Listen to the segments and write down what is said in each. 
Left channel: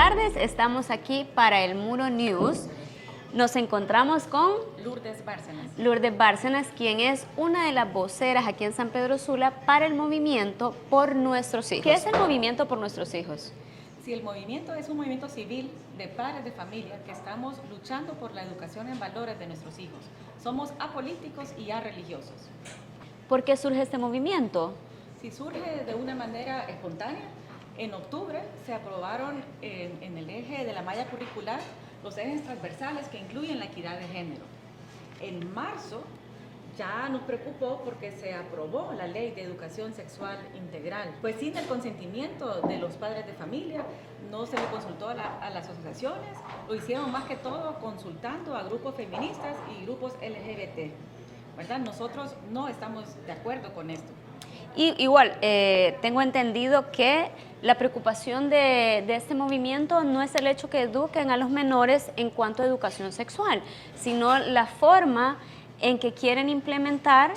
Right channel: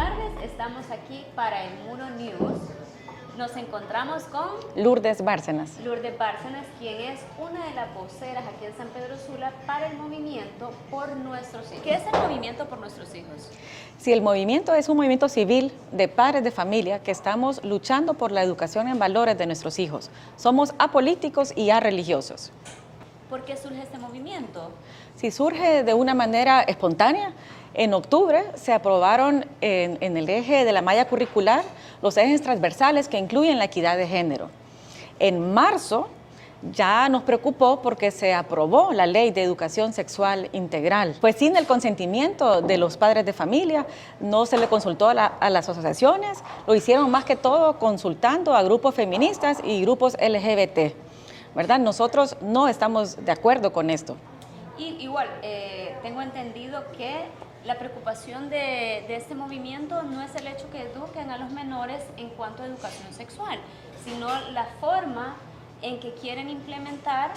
tardes, estamos aquí para el Muro News. Nos encontramos con Lourdes Bárcenas. Lourdes Bárcenas, quien es una de las voceras aquí en San Pedro Sula para el movimiento Por Nuestros Hijos. ¿Qué es el movimiento Por Nuestros Hijos? Sí, el movimiento es un movimiento civil de padres de familia que estamos luchando por la educación en valores de nuestros hijos. Somos apolíticos y arreligiosos. ¿Por qué surge este movimiento? Sí, surge de una manera espontánea. En octubre se aprobaron en el eje de la malla curricular los ejes transversales que incluyen la equidad de género. En marzo ya nos preocupó porque se aprobó la Ley de Educación Sexual Integral. Pues sin el consentimiento de los padres de familia, no se le consultó a las asociaciones, lo hicieron más que todo consultando a grupos feministas y grupos LGBT, ¿verdad? Nosotros no estamos de acuerdo con esto. Y igual, tengo entendido que la preocupación de este movimiento no es el hecho que eduquen a los menores en cuanto a educación sexual, sino la forma en que quieren implementar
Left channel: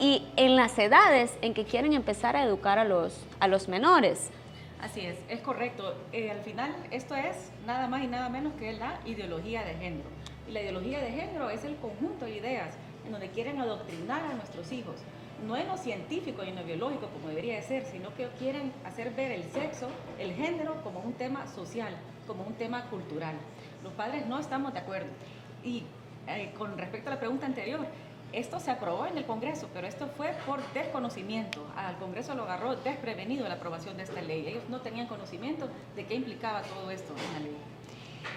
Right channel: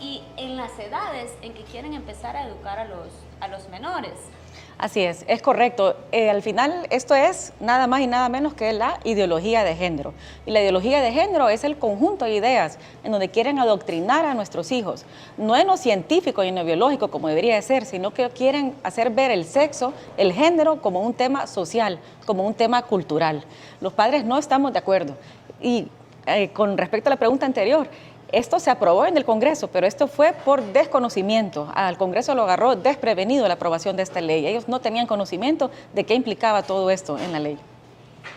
y en las edades en que quieren empezar a educar a los menores. Así es correcto. Al final esto es nada más y nada menos que la ideología de género. Y la ideología de género es el conjunto de ideas en donde quieren adoctrinar a nuestros hijos, no en lo científico y en lo biológico como debería de ser, sino que quieren hacer ver el sexo, el género como un tema social, como un tema cultural. Los padres no estamos de acuerdo. Y con respecto a la pregunta anterior, esto se aprobó en el Congreso, pero esto fue por desconocimiento. Al Congreso lo agarró desprevenido la aprobación de esta ley. Ellos no tenían conocimiento de qué implicaba todo esto en la ley.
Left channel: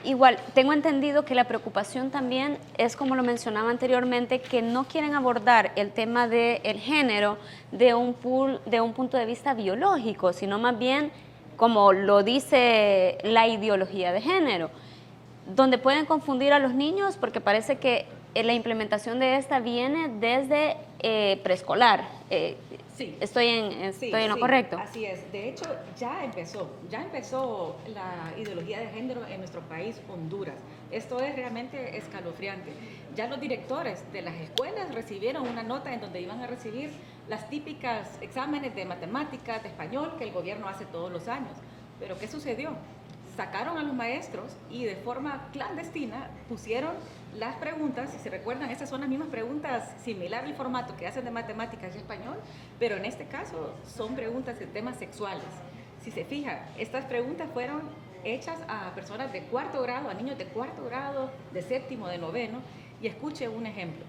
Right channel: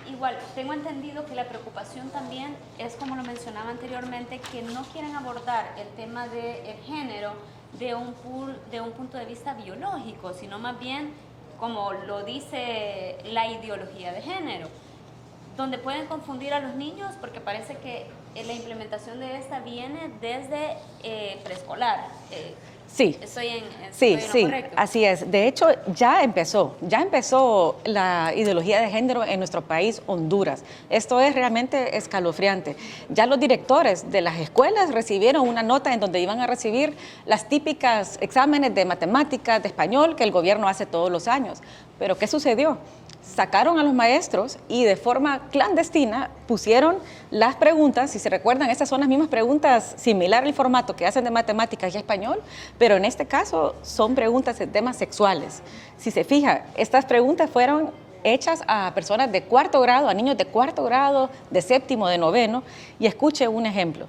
Igual, tengo entendido que la preocupación también es, como lo mencionaba anteriormente, que no quieren abordar el tema del género de un punto de vista biológico, sino más bien, como lo dice la ideología de género, donde pueden confundir a los niños porque parece que la implementación de esta viene desde preescolar. Sí. Estoy en lo correcto. Así es. De hecho, ya empezó la ideología de género en nuestro país, Honduras. Esto es realmente escalofriante. Ya los directores de las escuelas recibieron una nota en donde iban a recibir las típicas exámenes de matemáticas, de español, que el gobierno hace todos los años. Pero ¿qué sucedió? Sacaron a los maestros y de forma clandestina pusieron las preguntas, si se recuerdan, estas son las mismas preguntas similar al formato que hacen de matemáticas y español, pero en este caso son preguntas de temas sexuales. Si se fija, estas preguntas fueron hechas a personas de cuarto grado, a niños de cuarto grado, de séptimo, de noveno, y escuche un ejemplo.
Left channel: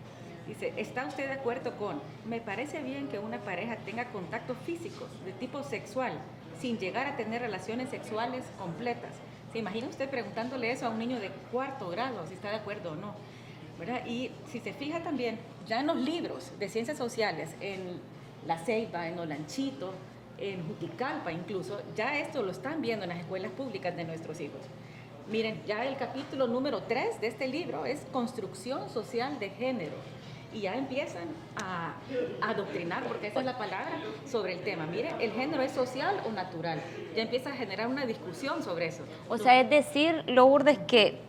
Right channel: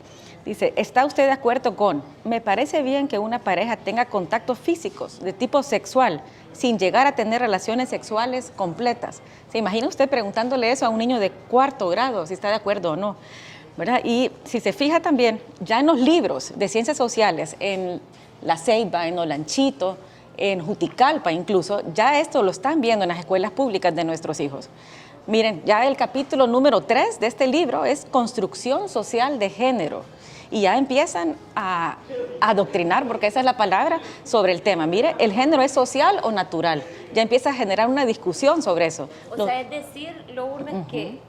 Dice, ¿está usted de acuerdo con? Me parece bien que una pareja tenga contactos físicos de tipo sexual sin llegar a tener relaciones sexuales completas. ¿Se imagina usted preguntándole eso a un niño de cuarto grado, si está de acuerdo o no? ¿Verdad? Y si se fija también, ya en los libros de ciencias sociales, en La Ceiba, en Olanchito, en Juticalpa incluso, ya esto lo están viendo en las escuelas públicas de nuestros hijos. Miren, ya el capítulo número 3 de este libro es Construcción Social de Género. Y ya empiezan a adoctrinar, porque esa es la palabra, sobre el tema. Mire, ¿el género es social o natural? Ya empieza a generar una discusión sobre eso. O sea, es decir, Lourdes, que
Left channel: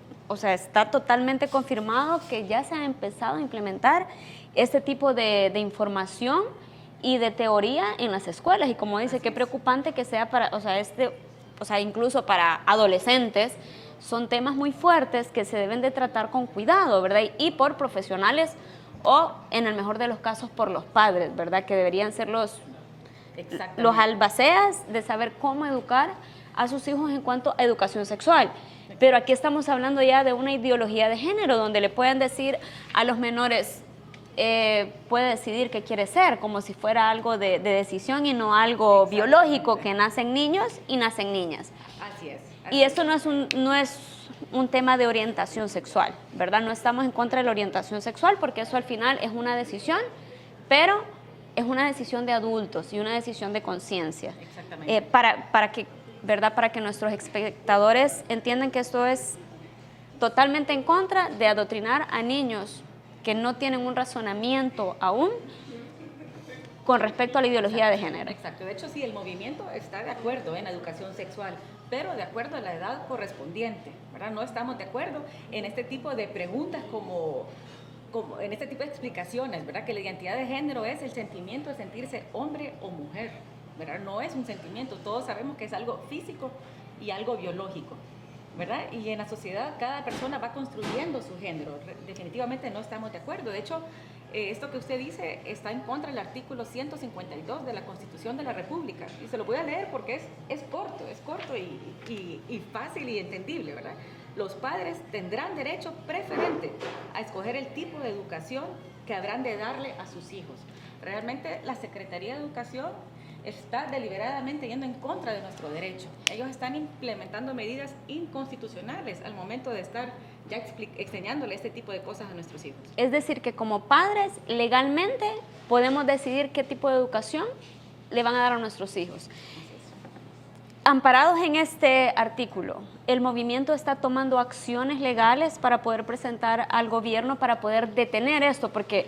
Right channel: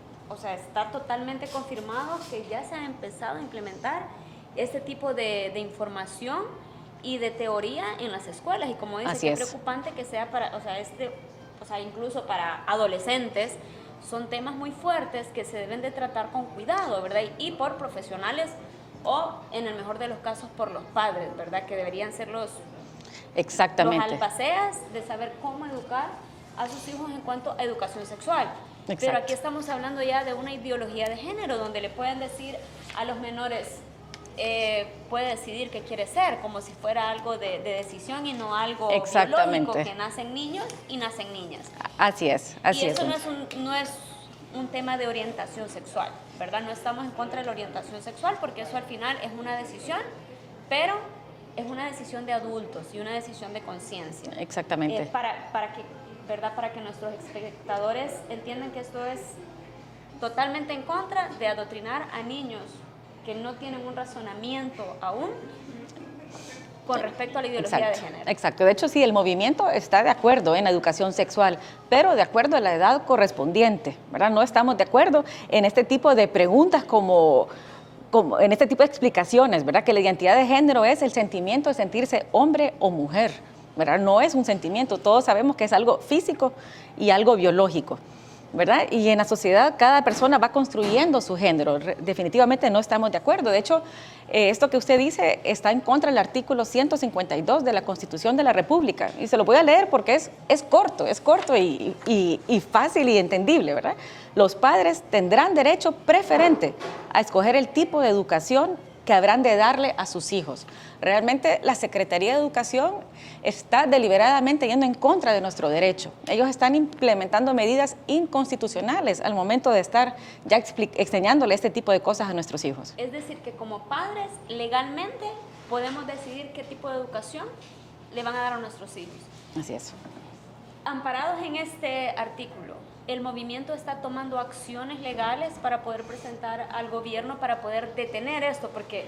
está totalmente confirmado que ya se ha empezado a implementar este tipo de información y de teoría en las escuelas. Y como dice, qué preocupante que sea para, incluso para adolescentes, son temas muy fuertes que se deben de tratar con cuidado, ¿verdad? Y por profesionales o, en el mejor de los casos, por los padres, ¿verdad? Que deberían ser los albaceas de saber cómo educar a sus hijos en cuanto a educación sexual. Exacto. Pero aquí estamos hablando ya de una ideología de género, donde le pueden decir a los menores, puede decidir qué quiere ser, como si fuera algo de decisión y no algo biológico, que nacen niños y nacen niñas. Así es. Y eso no es un tema de orientación sexual, ¿verdad? No estamos en contra de la orientación sexual porque eso al final es una decisión, pero es una decisión de adultos y una decisión de conciencia. Exactamente. Para que nuestros espectadores entiendan que esto es totalmente en contra de adoctrinar a niños que no tienen un razonamiento aún con respecto a la ideología de género. Exacto. De hecho, sí, el movimiento está de acuerdo en la educación sexual, pero de acuerdo a la edad correspondiente, ¿verdad? No estamos de acuerdo en este tipo de preguntas como en este tipo de explicaciones, ¿verdad? Que la identidad de género es el sentimiento de sentirse hombre o mujer. ¿verdad? No es un sentimiento, todos sabemos que es algo físico y algo biológico, ¿verdad? Y en la sociedad cada persona va construyendo su género. Definitivamente no estamos de acuerdo. De hecho, esto que usted dice está en contra del artículo 152 de la Constitución de la República. Y se lo voy a leer porque es corto y fácil y entendible, ¿verdad? Los padres tendrán derecho preferente a escoger el tipo de educación que habrán de darle a sus hijos. Realmente la Secretaría de Educación está deliberadamente yendo en contra de nuestro derecho. Ellos están implementando medidas inconstitucionales al momento de estar ya enseñándole este tipo de cosas a nuestros hijos. Es decir, que como padres legalmente podemos decidir qué tipo de educación le van a dar a nuestros hijos. Así es. Amparados en este artículo, el movimiento está tomando acciones legales para poder presentar al gobierno para poder detener esto, porque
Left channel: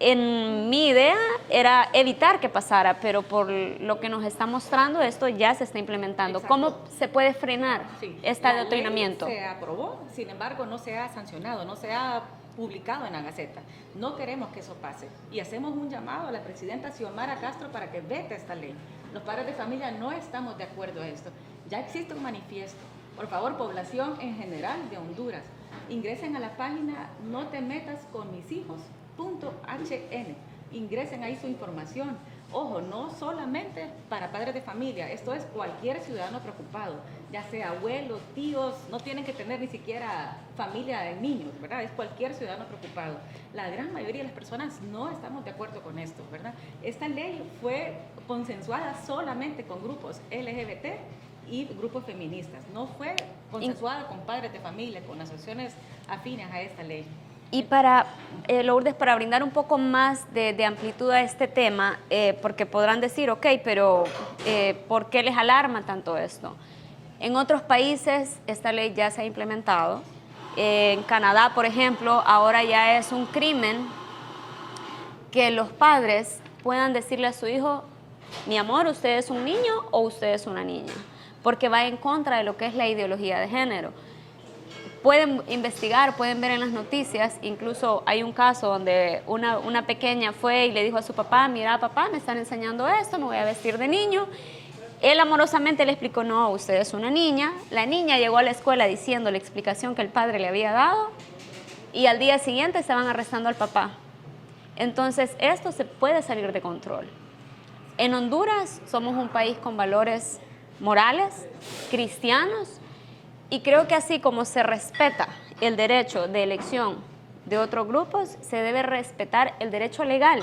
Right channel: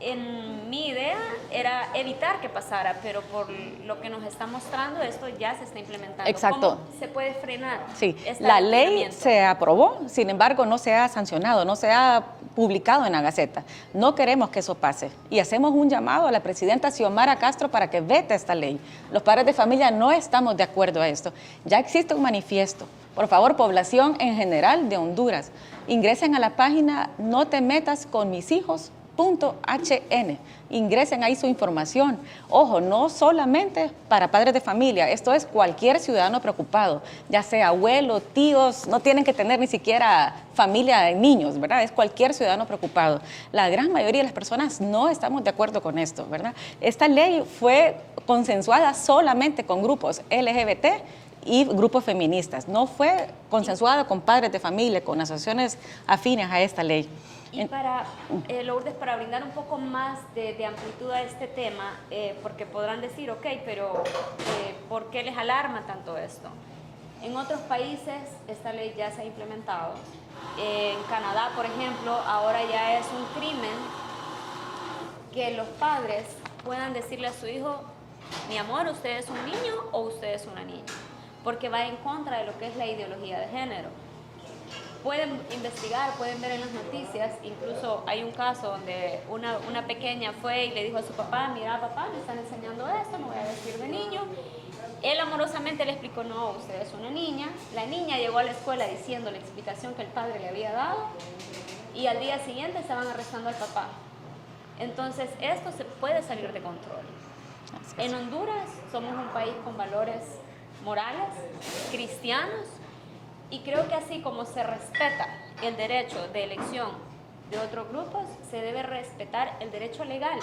en mi idea era evitar que pasara, pero por lo que nos está mostrando, esto ya se está implementando. Exacto. ¿Cómo se puede frenar? Sí, la ley se aprobó, sin embargo no se ha sancionado, no se ha publicado en la Gaceta. No queremos que eso pase y hacemos un llamado a la presidenta Xiomara Castro para que vete esta ley. Los padres de familia no estamos de acuerdo a esto. Ya existe un manifiesto. Por favor, población en general de Honduras, ingresen a la página notemetasconmishijos.hn. Ingresen ahí su información. Ojo, no solamente para padres de familia, esto es cualquier ciudadano preocupado, ya sea abuelo, tíos, no tienen que tener ni siquiera familia de niños, ¿verdad? Es cualquier ciudadano preocupado. La gran mayoría de las personas no estamos de acuerdo con esto, ¿verdad? Esta ley fue consensuada solamente con grupos LGBT y grupos feministas, no fue consensuada con padres de familia, con asociaciones afines a esta ley. Y para, Lourdes, para brindar un poco más de amplitud a este tema, porque podrán decir, ok, pero ¿por qué les alarma tanto esto? En otros países esta ley ya se ha implementado. En Canadá, por ejemplo, ahora ya es un crimen que los padres puedan decirle a su hijo, mi amor, ¿usted es un niño o usted es una niña? Porque va en contra de lo que es la ideología de género. Pueden investigar, pueden ver en las noticias, incluso hay un caso donde una pequeña fue y le dijo a su papá, mira papá, me están enseñando esto, me voy a vestir de niño. Él amorosamente le explicó, no, usted es una niña. La niña llegó a la escuela diciendo la explicación que el padre le había dado y al día siguiente estaban arrestando al papá. Entonces esto se puede salir de control. En Honduras somos un país con valores morales, cristianos, y creo que así como se respeta el derecho de elección de otros grupos, se debe respetar el derecho legal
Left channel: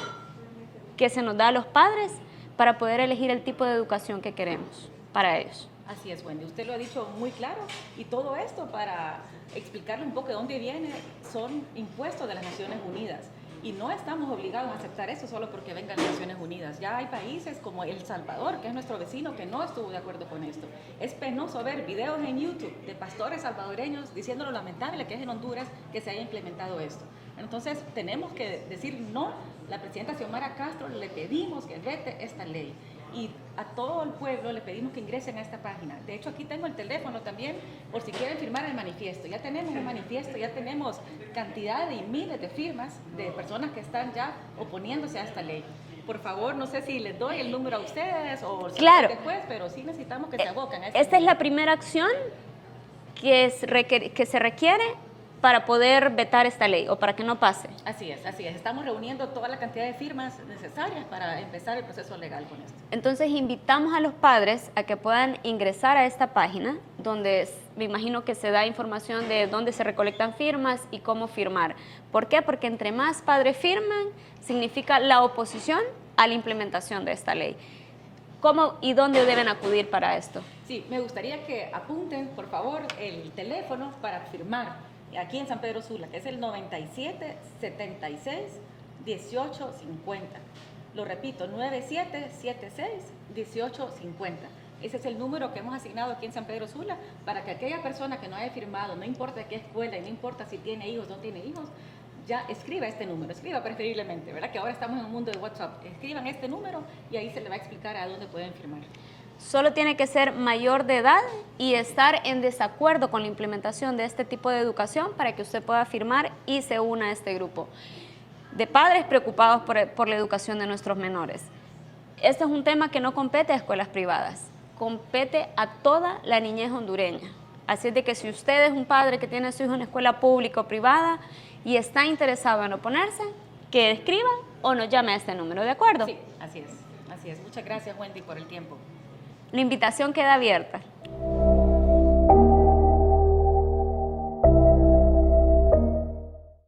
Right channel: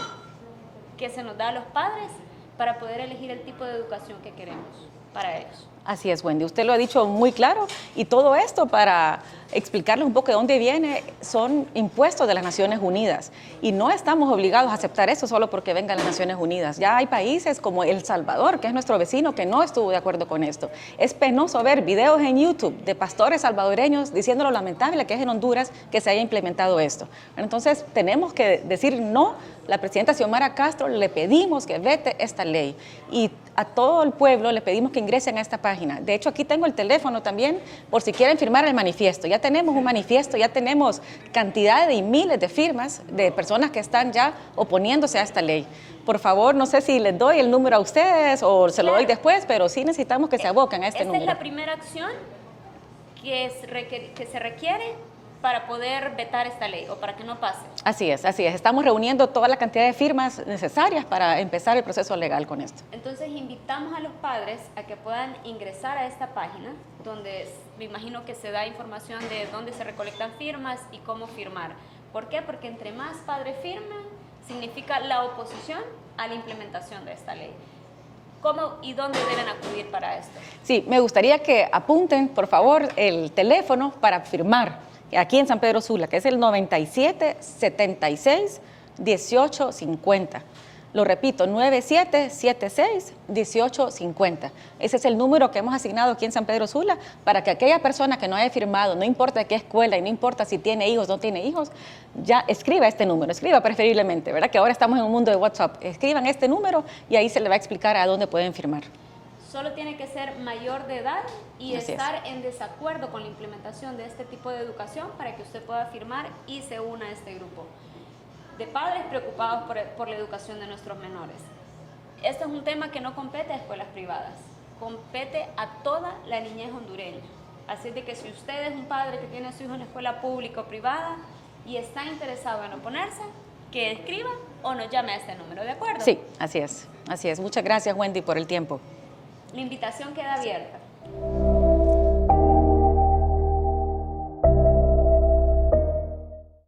que se nos da a los padres para poder elegir el tipo de educación que queremos para ellos. Así es, Wendy. Usted lo ha dicho muy claro y todo esto para explicarles un poco de dónde viene son impuestos de las Naciones Unidas y no estamos obligados a aceptar eso solo porque vengan las Naciones Unidas. Ya hay países como El Salvador, que es nuestro vecino, que no estuvo de acuerdo con esto. Es penoso ver videos en YouTube de pastores salvadoreños diciendo lo lamentable que es en Honduras que se haya implementado esto. Entonces tenemos que decir no. La presidenta Xiomara Castro le pedimos que vete esta ley y a todo el pueblo le pedimos que ingresen a esta página. De hecho, aquí tengo el teléfono también por si quieren firmar el manifiesto. Ya tenemos un manifiesto, ya tenemos cantidad y miles de firmas de personas que están ya oponiéndose a esta ley. Por favor, no sé si les doy el número a ustedes o se lo doy después, pero sí necesitamos que se aboquen a este número. Esta es la primera acción que se requiere para poder vetar esta ley o para que no pase. Así es, así es. Estamos reuniendo toda la cantidad de firmas necesarias para empezar el proceso legal con esto. Entonces invitamos a los padres a que puedan ingresar a esta página donde me imagino que se da información de dónde se recolectan firmas y cómo firmar. ¿Por qué? Porque entre más padres firman, significa la oposición a la implementación de esta ley. ¿Cómo y dónde deben acudir para esto? Sí, me gustaría que apunten, por favor, el teléfono para firmar aquí en San Pedro Sula, que es el 9776-1850. Lo repito, 9776-1850. Ese es el número que hemos asignado aquí en San Pedro Sula para que aquella persona que no haya firmado, no importa de qué escuela y no importa si tiene hijos o no tiene hijos, ya escriba este número, escriba preferiblemente, ¿verdad? Que ahora estamos en un mundo de WhatsApp. Escriban este número y ahí se le va a explicar a dónde pueden firmar. Solo tiene que ser mayor de edad y estar en desacuerdo con la implementación de este tipo de educación para que usted pueda firmar y se una a este grupo de padres preocupados por la educación de nuestros menores. este es un tema que no compete a escuelas privadas, compete a toda la niñez hondureña. Así es de que si usted es un padre que tiene a su hijo en escuela pública o privada y está interesado en oponerse, que escriba o nos llame a este número, ¿de acuerdo? Sí, así es. Así es. Muchas gracias, Wendy, por el tiempo. La invitación queda abierta.